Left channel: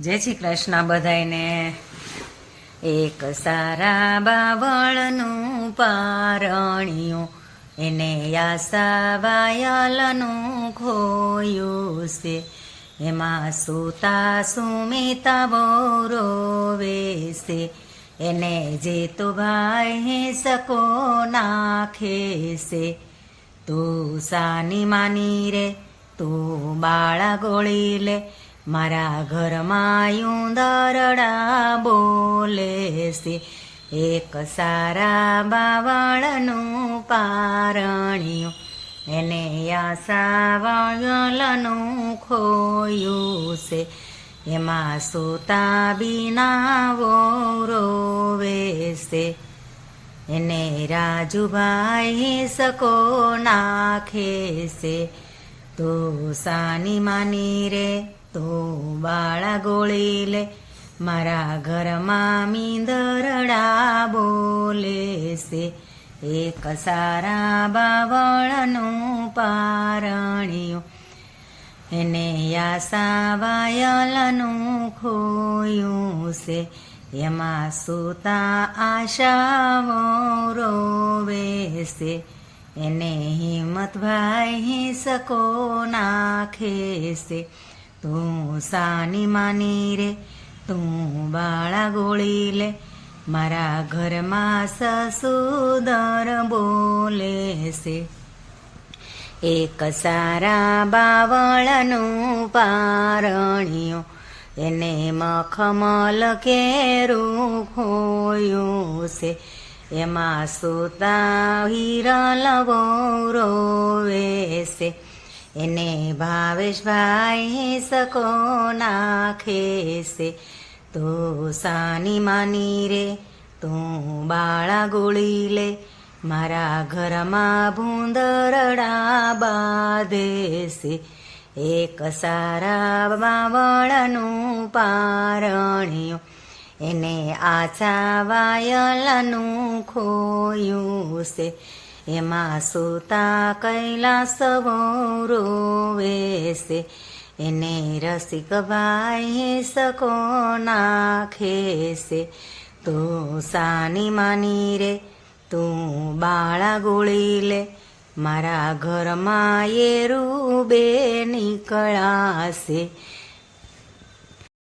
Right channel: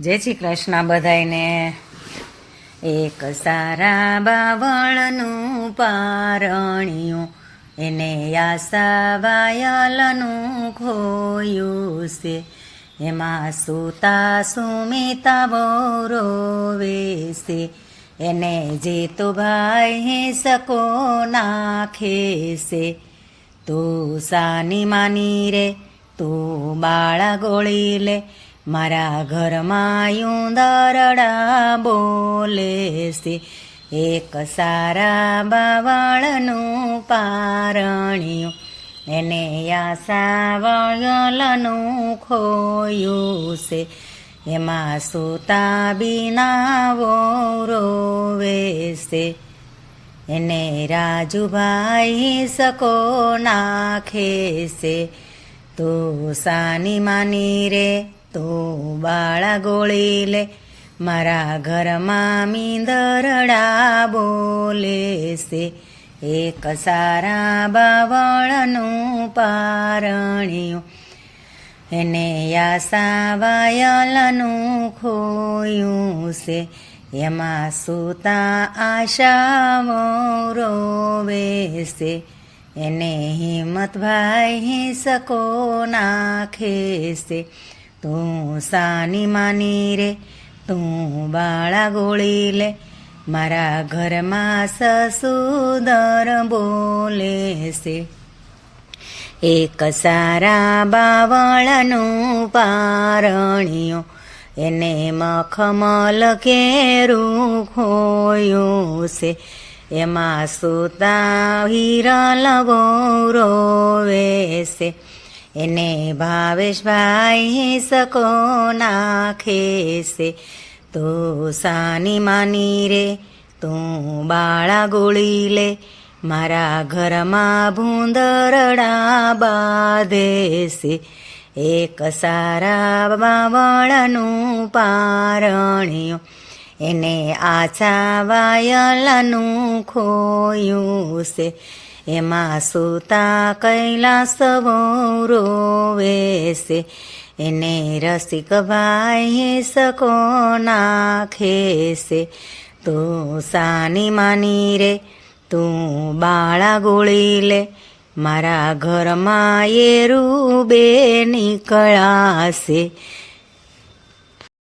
જય શ્રી કૃષ્ણ બધાયને. એક સારા બાવળનું પારણિયું, એને આશા વાયલનું ખોયું છે. એમાં સુતા સુમિતા બહુ રોવે છે. એને જીતુભાઈ સકો નાખે છે. તું સાની માની રે, તું બાળા ગોળી લે, મારા ઘરમાં ઉંદરડા બોલે છે. એક સારા બાવળનું પારણિયું, એને આશા વાયલનું ખોયું છે. એમાં સુતા બીના વહુ રોવે છે. એને રાજુભાઈ સકો નાખે છે. તું સાની માની રે, તું બાળા ગોળી લે, મારા ઘરમાં મીંદરડા બોલે છે. એક સારા બાવળનું પારણિયું, એને આશા વાયલનું ખોયું છે. એમાં સુતા આશાઓ રોવે છે. એને હિંમતભાઈ સકો નાખે છે. તું સાની માની રે, તું બાળા ગોળી લે, મારા ઘરમાં સસુદર બોલે છે. એક સારા બાવળનું પારણિયું, એને મખમલ કેરું ખોયું છે. એમાં સુતા હિરલ બહુ રોવે છે. એને ભાવેશભાઈ સકો નાખે છે. તું સાની માની રે, તું બાળા ગોળી લે, મારા ઘરમાં ભૂંદરડા બાંધે છે. એક સારા બાવળનું પારણિયું, એને આછા વાયલનું ખોયું છે. એમાં સુતા કૈલાસ બહુ રોવે છે. એને રસિકભાઈ સકો નાખે છે. તું સાની માની રે, તું બાળા ગોળી લે, મારા ઘરમાં એરું બે નીકળાશે.